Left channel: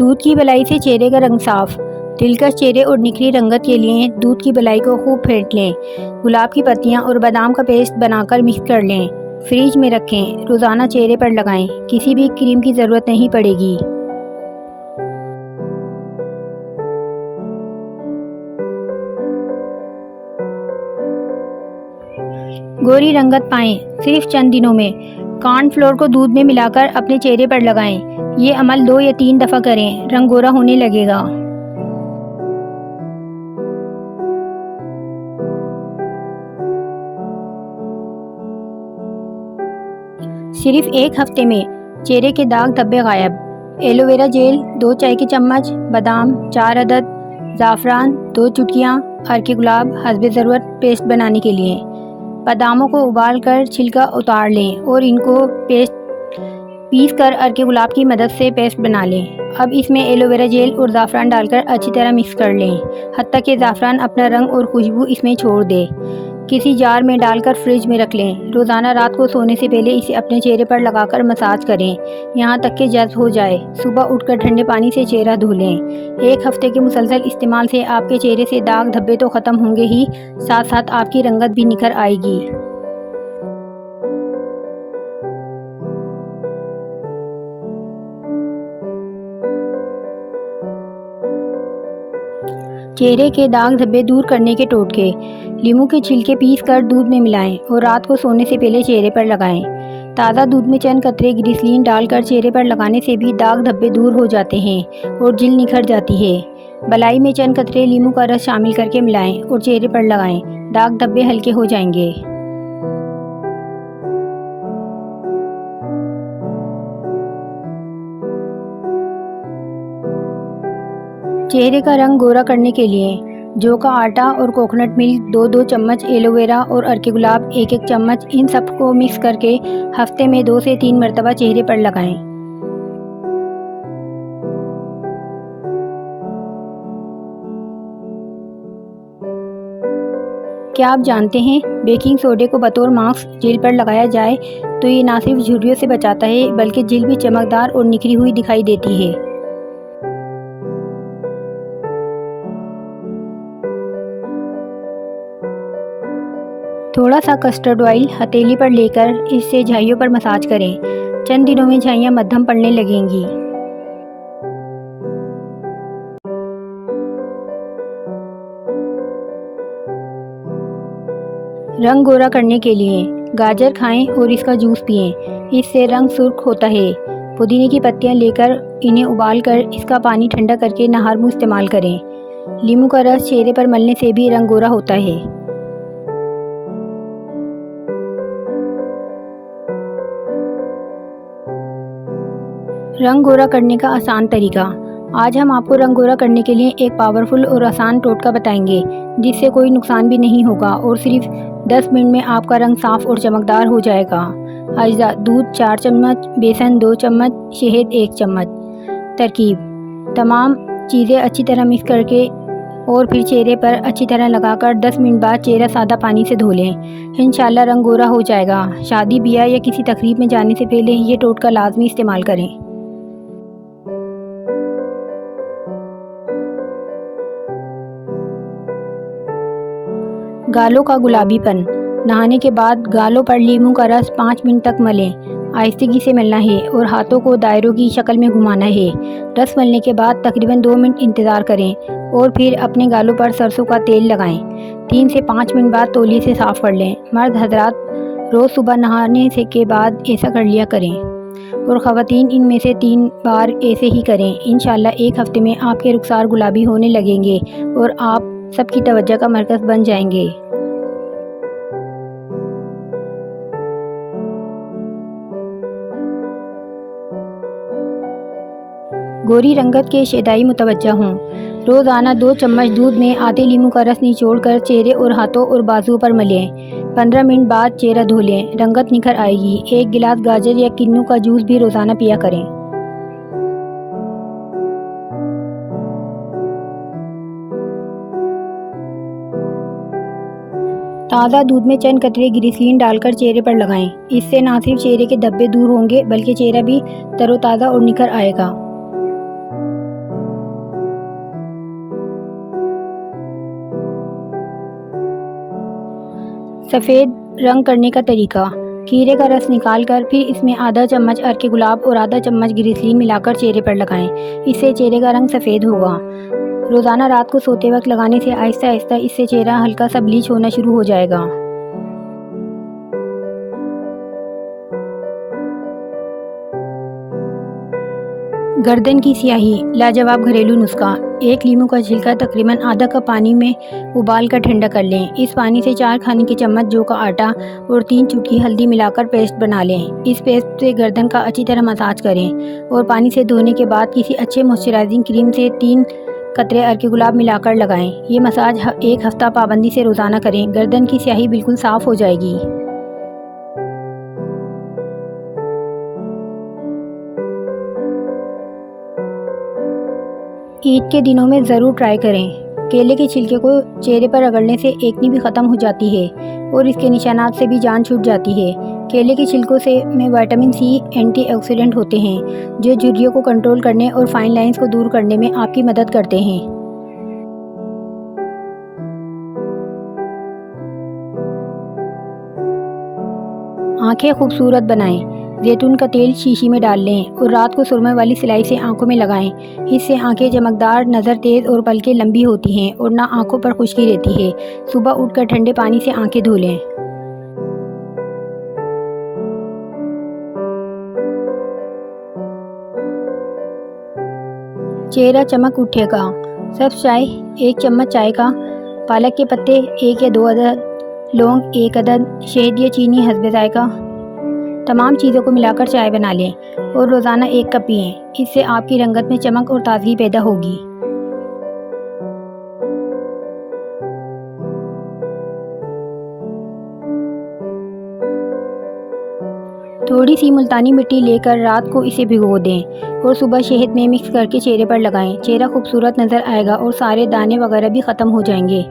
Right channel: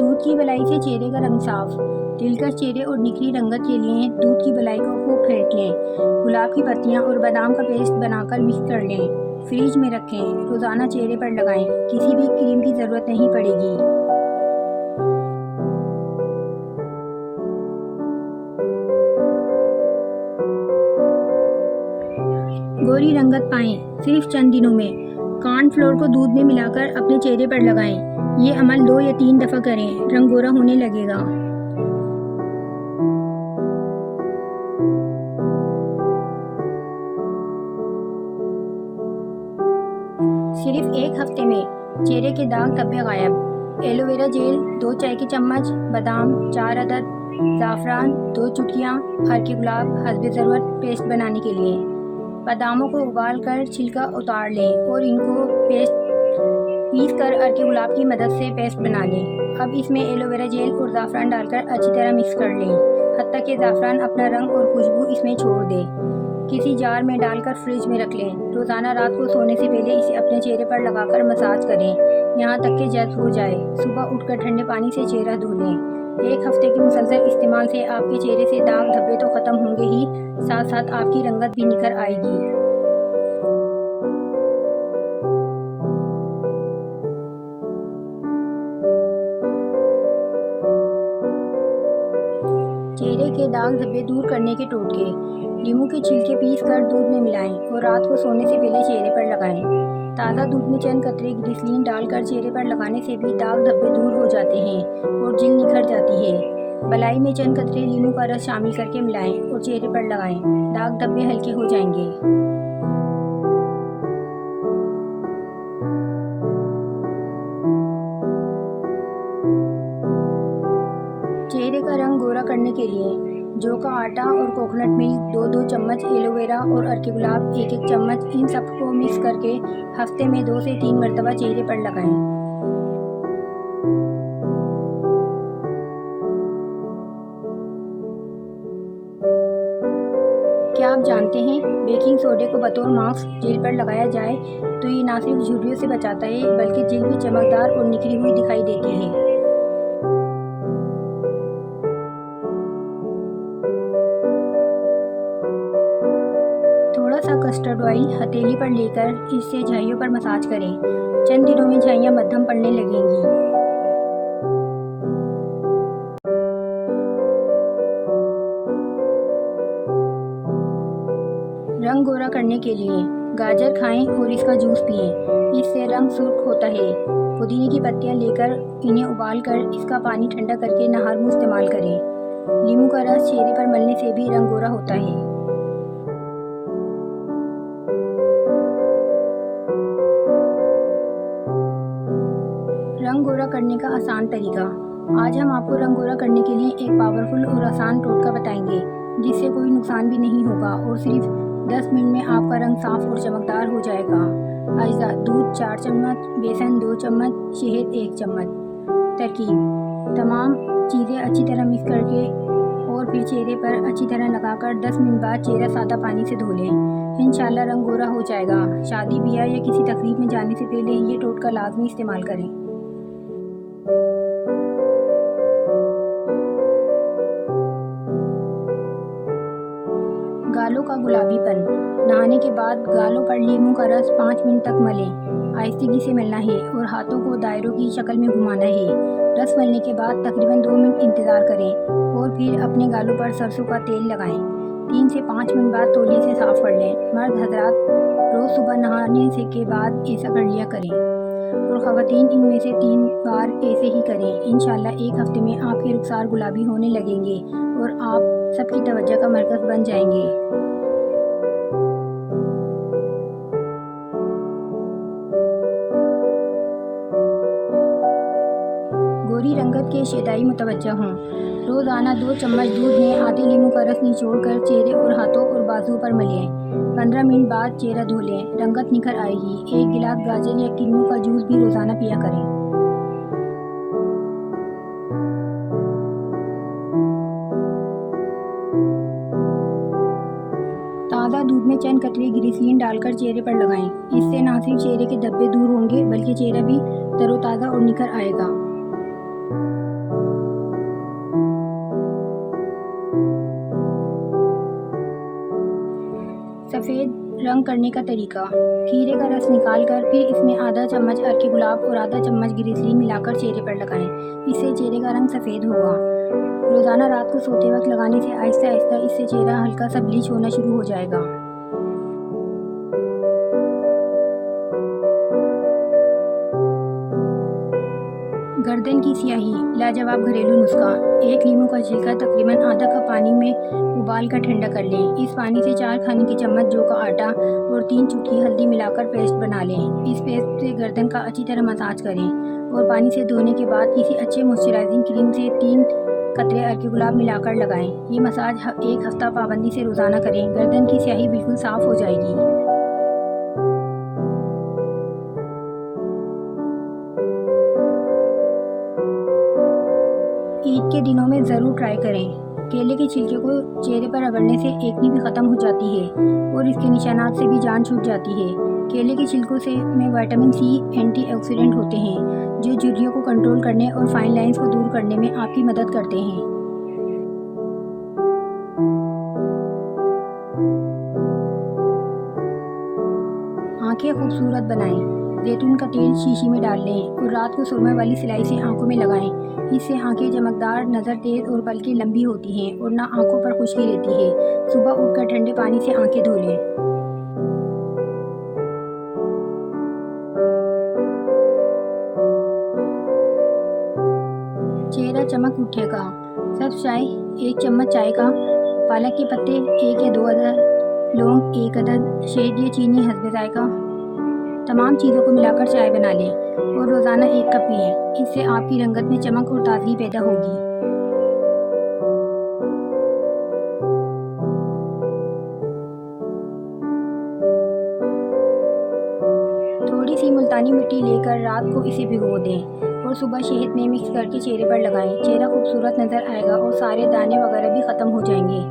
दूध की बलाई से चेहरे का रंग साफ। दिलकश चेहरे और निखरी रंगत के लिए दूध की बलाई को खूब फेंट लें। गुलाब की पत्तियां और बादाम का पेस्ट बनाकर मिक्स कर लें। फ्रिज में रखें। रोज़ाना चेहरे पर लगाएं। किसी भी क्रीम की ज़रूरत नहीं पड़ेगी। गोरी रंगत पाएं सिर्फ चंद दिनों में। कॉर्नफ्लोर को दूध में मिलाकर अपने चेहरे पर लगाएं। ये अमल 2 या 3 दफ़ा करें, रंग गोरा होने लगेगा। सिर्फ 1 हफ्ते में चेहरे के दाग धब्बे गायब। एलोवेरा जेल 2 चाय के चम्मच, बादाम 4 अदद, ज़ाफ़रान 2 चुटकियाँ, अर्के गुलाब हस्बे ज़रूरत पेस्ट बनाने के लिए। बादामों को उबालकर छिलका उतार लें और इनको पीस कर अर्के गुलाब की मदद से पेस्ट बना लें। अब इसमें एलोवेरा जेल और ज़ाफ़रान डालकर अच्छी तरह मिक्स कर लें, हत्ता कि ज़ाफ़रान अपना रंग और खुशबू इसमें छोड़ दे। किसी जार में डालकर फ्रिज में रख लें। रोज़ाना रात को सोने से पहले इसे अपने चेहरे पर लगाकर मसाज करें, यहाँ तक कि जज़्ब हो जाए। सुबह उठकर ठंडे पानी से चेहरा धो लें। 1 हफ्ते के मुसलसल इस्तेमाल से आपके चेहरे से दाग धब्बे तो ख़त्म होंगे ही, साथ साथ आपकी रंगत भी निखर आएगी। चेहरे के दाग धब्बे दूर करने के टोटके। नींबू के छिलके पीस कर दूध में मिलाएं और रात को सोने से पहले चेहरे पर लगाएं। ताज़ा दूध में चंद कतरे ग्लिसरीन डालकर चेहरे पर लगाने से भी दाग धब्बे दूर हो जाते हैं और जिल्द निखर जाती है। बलाई में चंद कतरे नींबू का रस शामिल करके मिलाएं और चेहरे पर लगाएं। दाग धब्बे हल्के हो जाएंगे। चेहरे का रंग गोरा करने के लिए जौ का आटा और कोकोनट मिल्क 2-2 चम्मच, एलोवेरा और अर्के गुलाब 1-1 चम्मच, इन सबको मिक्स करके हफ्ते में 2 से 3 मरतबा चेहरे पर लगाएं। क्या आप जानते हैं बेकिंग सोडे को बतौर मास्क जिल्द पर लगाया जाए तो ये ना सिर्फ झुर्रियों से बचाता है बल्कि जिल्द भी चमकदार और निखरी हुई दिखाई देती है। थोड़ा सा कस्टर्ड ऑयल हथेली पर लेकर इससे झाइयों पर मसाज करें। चंद दिनों में झाइयाँ मध्यम पड़ने लगेंगी। रंग गोरा करने के लिए गाजर खाएं और इसका जूस पिएं, इससे रंग सुर्ख होता है। पुदीने की पत्तियां लेकर इन्हें उबालकर इसका पानी ठंडा करके नहार मुंह इस्तेमाल करें। नींबू का रस चेहरे पर मलने से भी रंग गोरा होता है। रंग गोरा करने का आसान तरीका। आज हम आपको रंग गोरा करने के लिए एक पावरफुल और आसान टोटका बताएंगे जिससे कोई नुकसान भी नहीं होगा और सिर्फ 10 मिनट में आपका रंग साफ और चमकदार हो जाएगा। अज्जा: दूध 4 चम्मच, बेसन 2 चम्मच, शहद 1 चम्मच। तरकीब: तमाम चीज़ें अच्छी तरह मिक्स करके और फिर चेहरे पर अच्छी तरह लगाकर 10 मिनट बाद चेहरा सादा पानी से धो लें। इंशाल्लाह रंग गोरा हो जाएगा। शादी ब्याह या किसी तकरीब में जाने से पहले ये टोटका लाजमी इस्तेमाल करें। गालों का गुलाबीपन। नहाने के बाद गालों पर नींबू का रस 5 मिनट तक मलें। आहिस्तेगी से मलना है और हाथों को दायरों की शक्ल में घुमाना है। रस मलने के बाद तकरीबन 2 मिनट इंतज़ार करें और फिर अपने गालों पर सरसों का तेल लगाएं। 3 से 5 मिनट बाद तौलिए से साफ़ कर लें। मर्द हजरात रोज़ सुबह नहाने से के बाद ऐसा कर लिया करें और ख़वातीन इनमें से 3 बार ऐसे ही करें। इंशाल्लाह 1 हफ्ते में आपके रुखसार गुलाबी होने लगेंगे और आप सबकी तवज्जो का मरकज़ बन जाएंगे। गोरी रंगत के शैदाई मुतवज्जा हों। रोज़ाना 2 चम्मच दूध में आधे नींबू का रस निचोड़कर चेहरे और हाथों और बाजुओं पर मलें। 15 मिनट बाद चेहरा धो लें, रंगत निखर आएगी। 1 गिलास गाजर या किन्नू का जूस भी रोज़ाना पिया करें। ताज़ा दूध में चंद कतरे ग्लिसरीन डालकर चेहरे पर लगाएं। इससे न सिर्फ चेहरे के धब्बे दूर होंगे बल्कि चेहरा भी तरोताज़ा और निखर आएगा। सफ़ेद रंग करने का तरीका। खीरे का रस निकालकर फिर इसमें आधा चम्मच अर्के गुलाब और आधा चम्मच ग्लिसरीन मिलाकर चेहरे पर लगाएं। इससे चेहरे का रंग सफ़ेद होगा। रोज़ाना रात को सोते वक्त लगाने से आहिस्ता आहिस्ता इससे चेहरा हल्का सा ब्लीच होना शुरू हो जाएगा। गर्दन की स्याही लाजवाब घरेलू नुस्खा। एक लीमू का छिलका तकरीबन आधा कप पानी में उबाल कर ठंडा कर लें। इस पानी से 4 खाने के चम्मच जौ का आटा और 3 चुटकी हल्दी मिलाकर पेस्ट बना लें। इस पेस्ट से गर्दन का अच्छी तरह मसाज करें और पानी से धोने के बाद किसी अच्छे मॉइस्चराइजिंग क्रीम से 3 कतरे अर्के गुलाब मिलाकर लगाएं। ये मसाज 1 हफ्ता पाबंदी से रोज़ाना करें। गर्दन की स्याही बिल्कुल साफ़ हो जाएगी। ईद के दिनों में ज़रूर ट्राई करें। केले के छिलके को चेहरे पर रगड़ने से एकनी भी ख़त्म हो जाती है और इसके निशानात से भी जान छूट जाती है। केले के छिलकों से में विटामिन सी एंटीऑक्सीडेंट होते हैं जो झुर्रियों को कंट्रोल करने और फाइन लाइंस को दूर करने में आपकी मदद करते हैं। आंखें खूबसूरत बनाएं। जैतून का तेल शीशी में डाल लें और रात को सुरमे वाली सिलाई से आंखों में लगाएं। इससे आंखें चमकदार, नज़र तेज़ और पलकें लंबी होती हैं और ना आंखों पर खुश्की रहती है। सुबह उठकर ठंडे पानी से आंखें धो लें। चेहरा चमक उठेगा। सब चाय 1 चम्मच चाय का, पालक के पत्ते 1 या 2 अदद, लौंग 1 अदद, शहद या चीनी हस्बे जायका। तमाम चीज़ों को मिलाकर चाय बना लें और रोज़ाना 1 कप पिएं। इससे आपकी रंगत में चमक और ताजगी पैदा होगी। थोड़ी सी मुल्तानी मिट्टी लेकर रात को इसे भिगो दें और सुबह शहद में मिक्स करके चेहरे पर लगाएं। चेहरा खूबसूरत नज़र आएगा और सारे दाने वगैरह भी ख़त्म हो जाएंगे।